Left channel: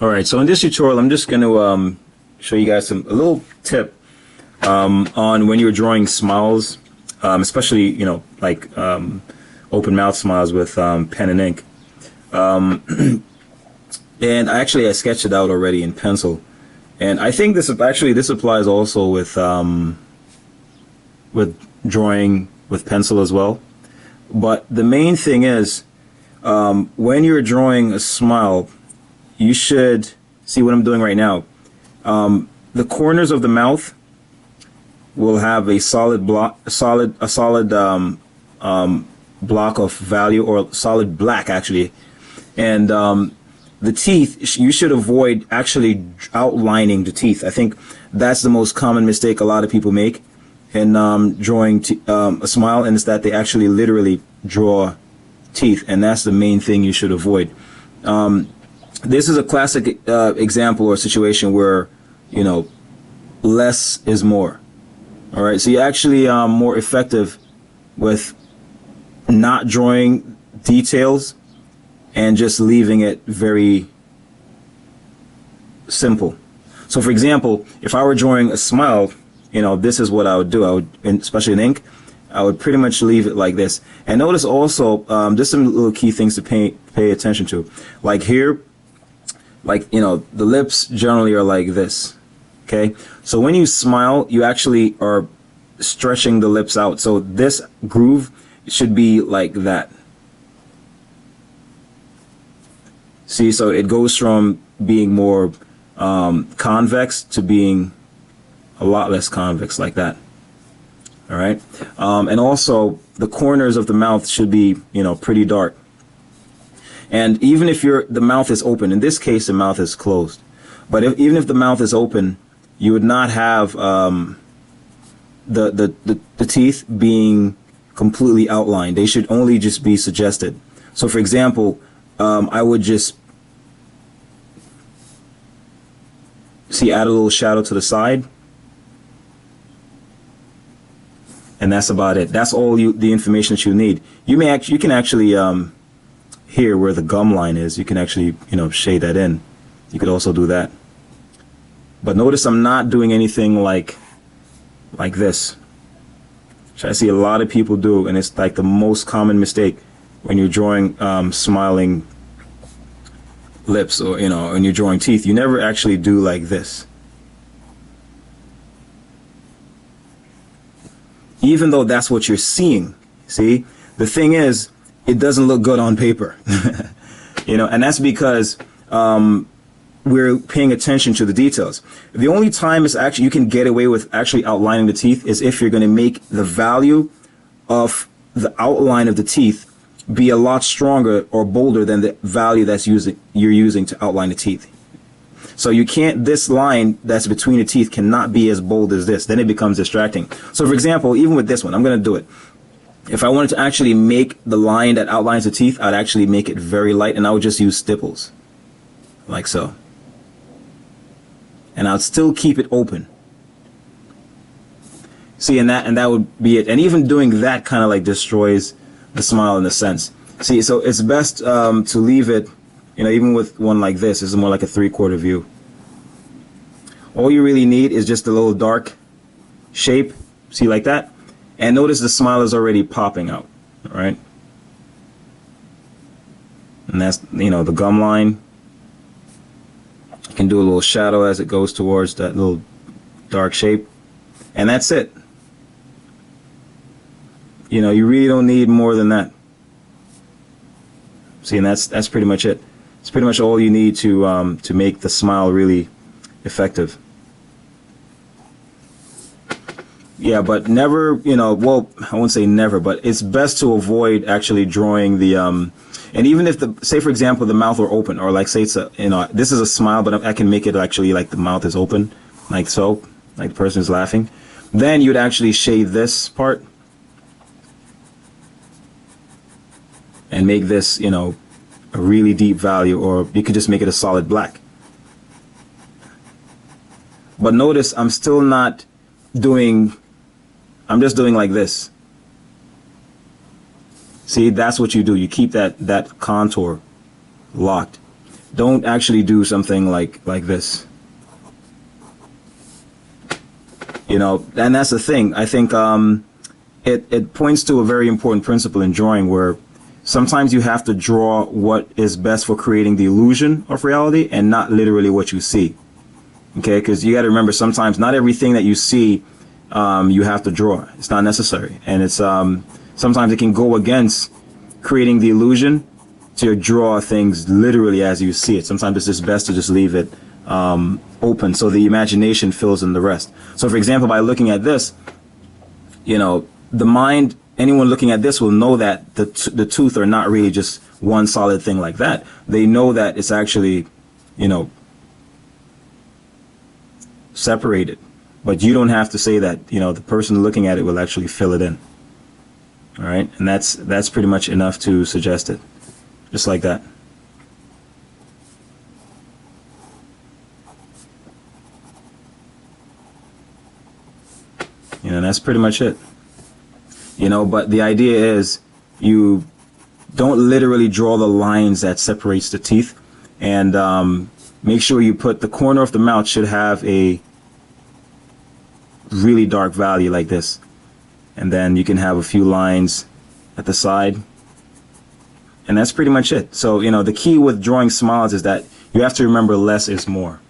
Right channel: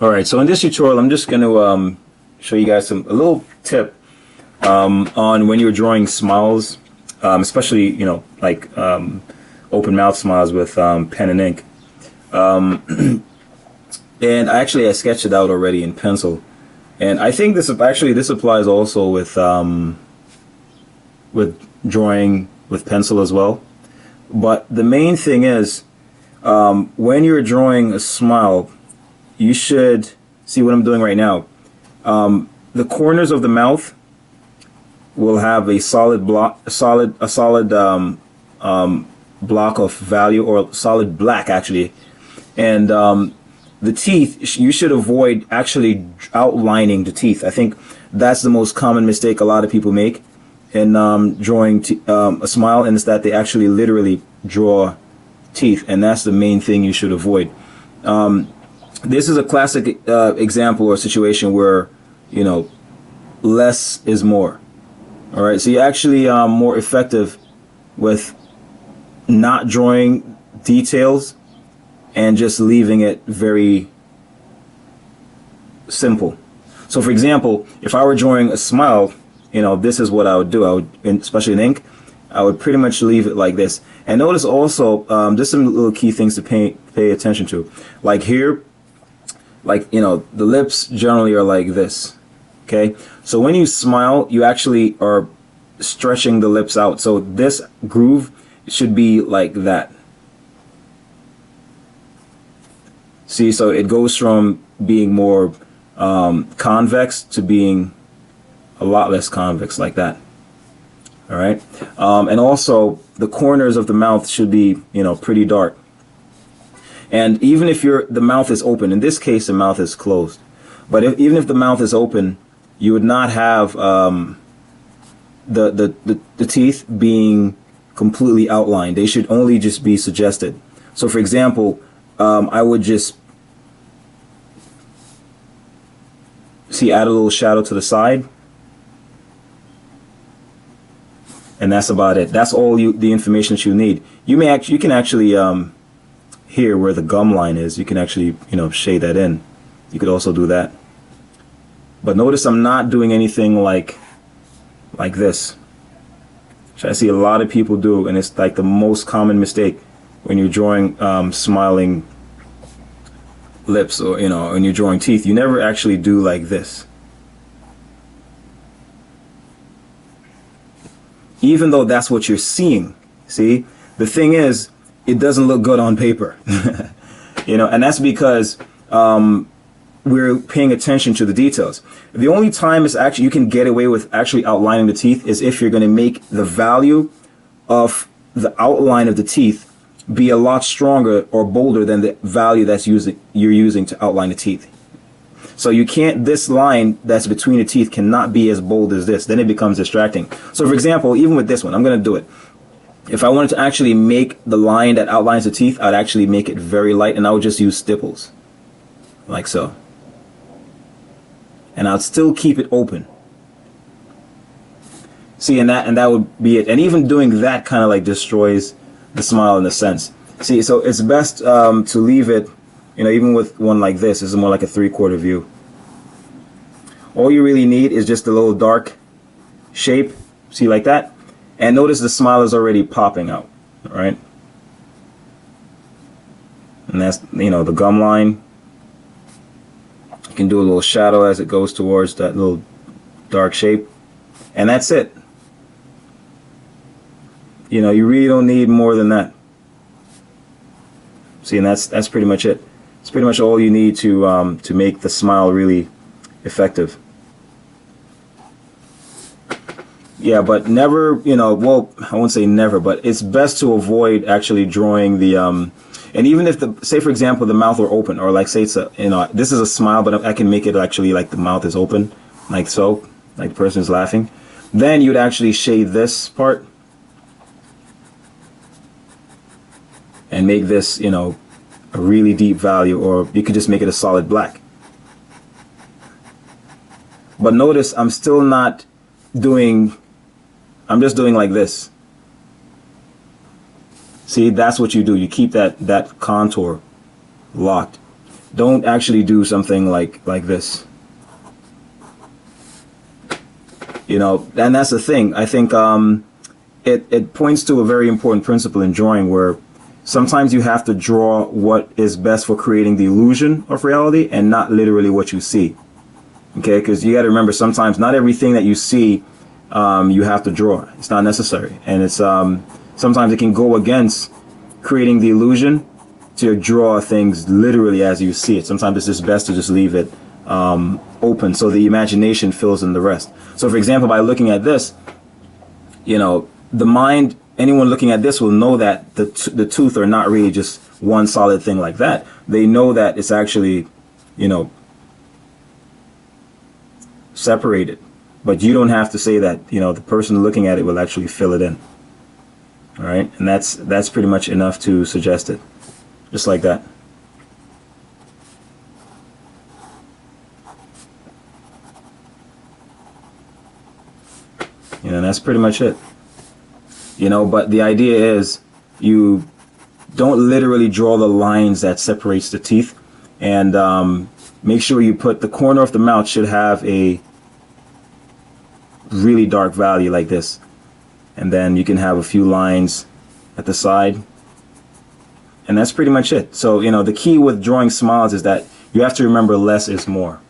All right, so in this tutorial, I'm just going to show you guys a little tip on when you're drawing smiles, especially, like open mouth smiles with pen and ink. And I sketched it out already in pencil. And I think this applies also with drawing with pencil as well. But the main thing is, when you're drawing a smile, you should see what I'm doing right now. The corners of the mouth will have a solid block, block of value, or solid black actually, and the teeth, you should avoid actually outlining the teeth. I think that's the most common mistake a lot of people make in drawing a smile, and it's that they actually literally draw teeth, and that's the main thing you should avoid. This is a classic example or situation where, less is more. All right, so you're actually more effective with not drawing details and just leaving it very simple. So for example, if I were drawing a smile, this is what I would do. I would, especially in ink, I would pretty much leave it like this. And notice also, just some little key things to pay attention to. Like here, the lips generally are like this. Okay, so when you smile, you actually are stretching the lips out. So this groove should be like that. See, so it goes from being more convex to being a lot less convex, like that. All right, and also the corners of the mouth should be, pretty dark. And even if the mouth is open, in this case the mouth is closed, but even if the mouth is open, you would not have the teeth being completely outlined. They should only just be suggested. So for example, I would just add a little shadow to the side, and that's about it. That's all the information you need. You can actually here where the gum line is, you can actually shade that in. You could also do that. But notice I'm not doing anything like this, which I see a lot of people do, and it's like the most common mistake when you're drawing smiling lips, or when you're drawing teeth. You never actually do like this, even though that's what you're seeing. See, the thing is, it doesn't look good on paper. And that's because we're paying attention to the details. The only time you can get away with actually outlining the teeth is if you're going to make the value of the outline of the teeth be a lot stronger or bolder than the value you're using to outline the teeth. So this line that's between the teeth cannot be as bold as this. Then it becomes distracting. So for example, even with this one, I'm going to do it. If I wanted to actually make the line that outlines the teeth, I'd actually make it very light, and I would just use stipples, like so. And I'd still keep it open. See, and that would be it. And even doing that kind of like destroys the smile in a sense. See, so it's best to leave it, even with one like this is more like a 3/4 view. All you really need is just a little dark shape, see, like that. And notice the smile is already popping out, all right? And that's, the gum line. I can do a little shadow as it goes towards that little dark shape. And that's it. You really don't need more than that. See, and that's pretty much it. It's pretty much all you need to make the smile really effective. Yeah, but never, well, I won't say never, but it's best to avoid actually drawing the, and even if say for example, the mouth were open, or like say it's this is a smile, but I can make it actually like the mouth is open, like so, like the person's laughing. Then you'd actually shade this part and make this, a really deep value, or you could just make it a solid black. But notice I'm just doing like this. See, that's what you do. You keep that contour locked. Don't actually do something like this. You know, and that's the thing. I think it points to a very important principle in drawing where sometimes you have to draw what is best for creating the illusion of reality and not literally what you see. Okay, because you got to remember sometimes not everything that you see you have to draw. It's not necessary, and it's sometimes it can go against creating the illusion to draw things literally as you see it. Sometimes it's just best to just leave it open so the imagination fills in the rest. So, for example, by looking at this, you know, the mind, anyone looking at this will know that the tooth are not really just one solid thing like that. They know that it's actually, you know, separated. But you don't have to say that. You know, the person looking at it will actually fill it in. All right, and that's pretty much enough to suggest it, just like that. Yeah, that's pretty much it. You know, but the idea is you don't literally draw the lines that separates the teeth, and make sure you put the corner of the mouth should have a really dark value like this, and then you can have a few lines at the side, and that's pretty much it. So, you know, the key with drawing smiles is that you have to remember less is more.